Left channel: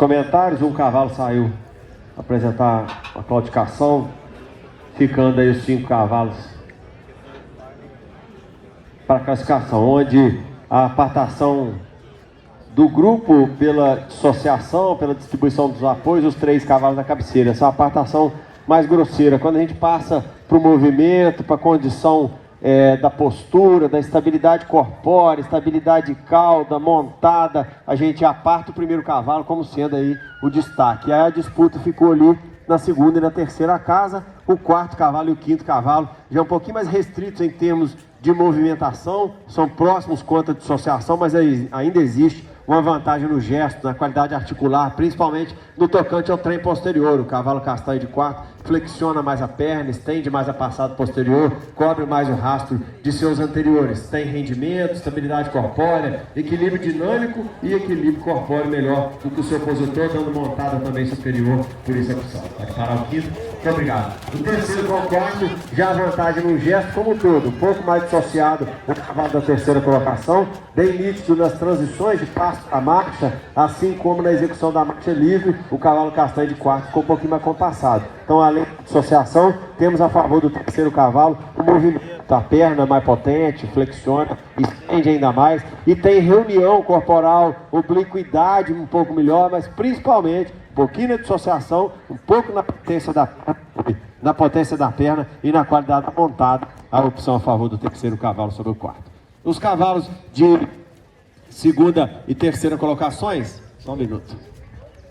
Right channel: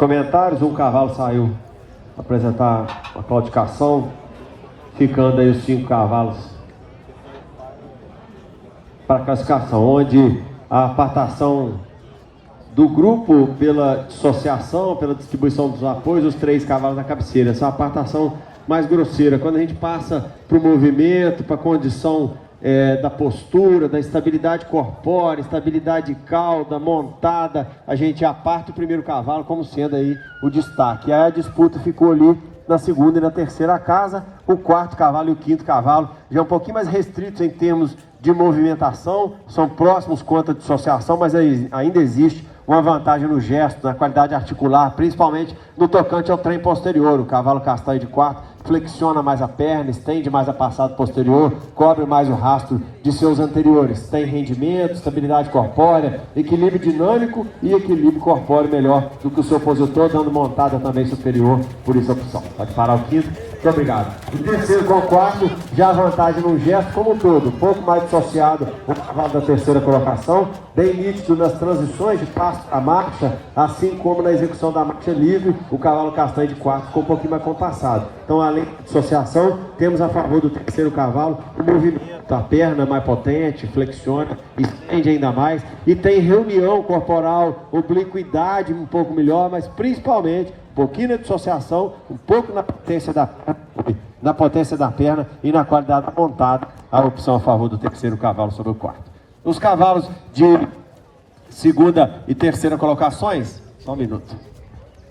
Comentários, o cavalo saiu apresentar a claudicação, ficando aí os 5 cavalos para a classificação, onde a apartação do grupo pela dissociação, pela distribuição dos apoios, os 3 cavalos da cabeceira. Essa é a apartação mais grosseira. Quando a gente passa para o movimento, para a condição da postura, da estabilidade corpórea, estabilidade de cauda, montada, a gente aparta o primeiro cavalo como sendo aí o destaque. Aí a disputa ficou ali na segunda e na terceira casa, o 4º cavalo e o 5º cavalo já um pouquinho mais restritos em termos de movimentação, são próximos quanto à dissociação, mas ainda existe uma vantagem no gesto, na qualidade articular, principalmente no tocante ao trem posterior. O cavalo castanho de 4 flexiona mais a perna, estende mais a passada posterior, cobre mais o rastro de seus anteriores. Tem rendimento, estabilidade corpórea, equilíbrio dinâmico e equilíbrio corpóreo melhor do que o seu opositor, dando montada também superior, por isso a opção. Pode parar o 5º. Muito obrigado. O terceiro com o 4º, já a vantagem no gesto como um todo, um pouco mais dissociado o cavalo da terceira colocação, bem nítido nas transições de passo a marcha, assim como na execução da marcha livre, o cavalo castanho de 4 ficou um pouquinho mais compassado. Então, além da dissociação, temos a favor do terceiro cavalo o movimento, a perna mais potente, flexiona, estende ainda mais, e tem reunião corporal, obliquidade um pouco melhor, mas principalmente um pouquinho na dissociação, um pouco na potência da perna e na qualidade da montada, a opção a favor do terceiro cavalo sobre o 4º. Os cavalos de segunda e terceira colocações, só um minuto.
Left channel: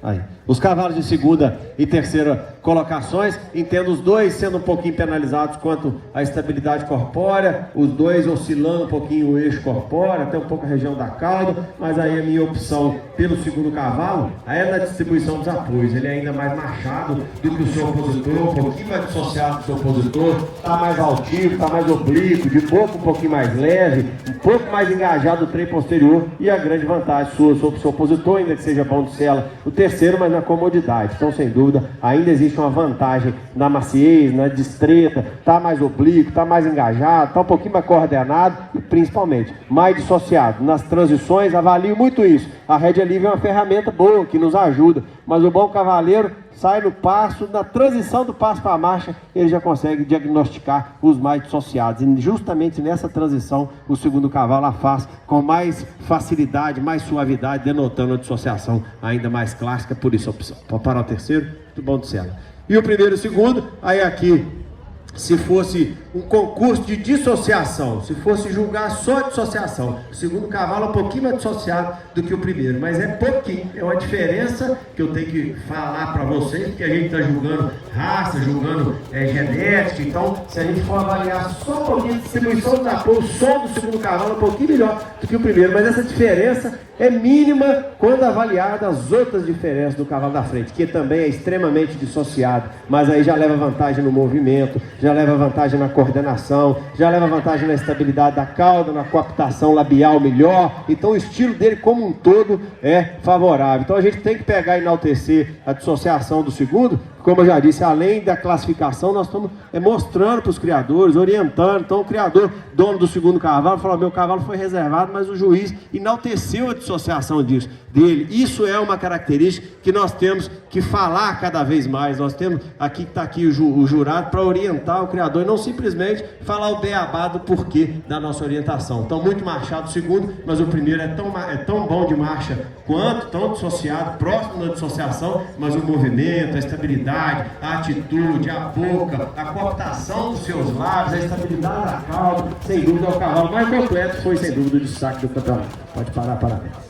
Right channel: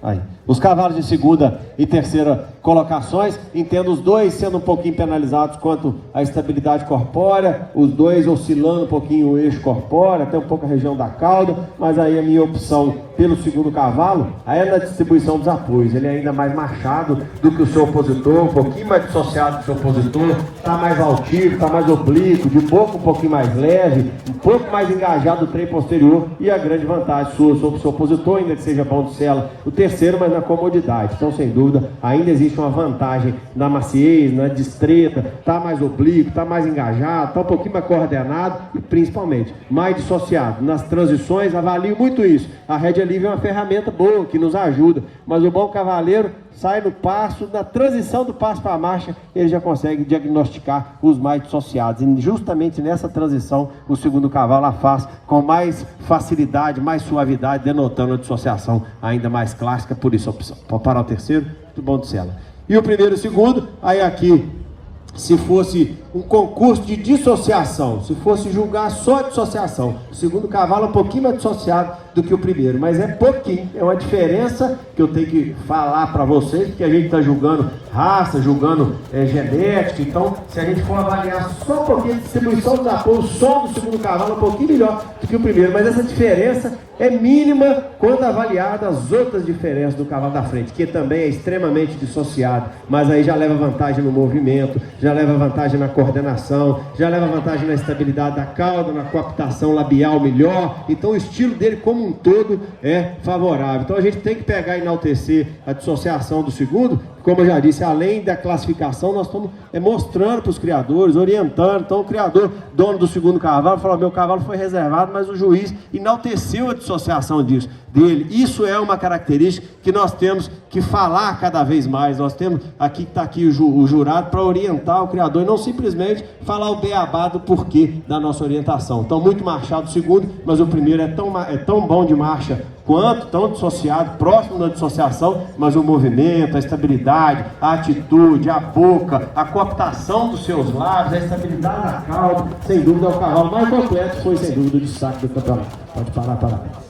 Aí. Os cavalos de segunda e terceira colocações, entendo os dois sendo um pouquinho penalizados quanto à estabilidade corpórea, os dois oscilando um pouquinho o eixo corpóreo, até um pouco a região da cauda, mas aí a minha opção pelo segundo cavalo aí é na distribuição dos apoios. Ele é ainda mais machado do que o seu opositor, um pouquinho mais dissociado do seu opositor, está mais altivo, está mais oblíquo, de boca um pouquinho mais leve, um pouco mais engajado do trem posterior, e a grande vantagem sua sobre o seu opositor, ainda que seja bom de sela, o terceiro, mas na comodidade. Então, sem dúvida, ainda existe uma vantagem na maciez, na destreza, está mais oblíquo, está mais engajado, está um pouquinho mais coordenado e principalmente mais dissociado. Nas transições, avalio muito isso. A rédea livre é uma ferramenta boa que nos ajuda, mas o bom cavaleiro sai no passo, na transição do passo para a marcha, ele já consegue diagnosticar os mais dissociados. E justamente nessa transição, o segundo cavalo a faz com mais facilidade, mais suavidade, denotando a dissociação ainda mais clássica, por isso a opção. Pode parar o terceiro, muito bom de sela. E o primeiro e o segundo, aí aqui, se fosse um concurso de dissociação, se fosse julgar só dissociação, o segundo cavalo é um pouquinho mais dissociado do que o primeiro, mas é pouquinho, é uma diferença que eu tenho que falar para vocês, porque a gente está julgando raça, julgando genética. Então, se a gente for avaliar só um pouquinho de distribuição dos apoios, o som do segundo cavalo é um pouquinho melhor do que o primeiro, mas essa diferença é mínima quando avaliada as outras diferenças do cavalo da frente, que também é extremamente dissociado, mas aí já leva vantagem no movimento, já leva vantagem na coordenação, já leva vantagem na estabilidade da cauda, na coaptação labial melhor. Então o estilo dele como um todo é favorável. Então a gente tem que pegar e enaltecer a dissociação do segundo. Como eu já disse, além da classificação, nós estamos mostrando para os criadores, orientando. Então o criador, dono do segundo cavalo, falou: meu cavalo foi reservado, mas o juiz enalteceu a dissociação dele. Isso é uma característica que nós temos que falar cada vez mais. Nós temos aqui, está aqui o jurado para orientar o criador e não simplesmente falar o beabá do porquê da nossa orientação. Então, muito marchado o segundo, mas o primeiro é tão bom de marcha quanto, tão dissociado, próximo da dissociação, mas o movimento, a estabilidade, a atitude, a boca, a coaptação dos seus lábios, a estabilidade da cauda, sem dúvida é o cavalo mais completo, foi sem dúvida o destaque do campeonato. Pode parar, parabéns.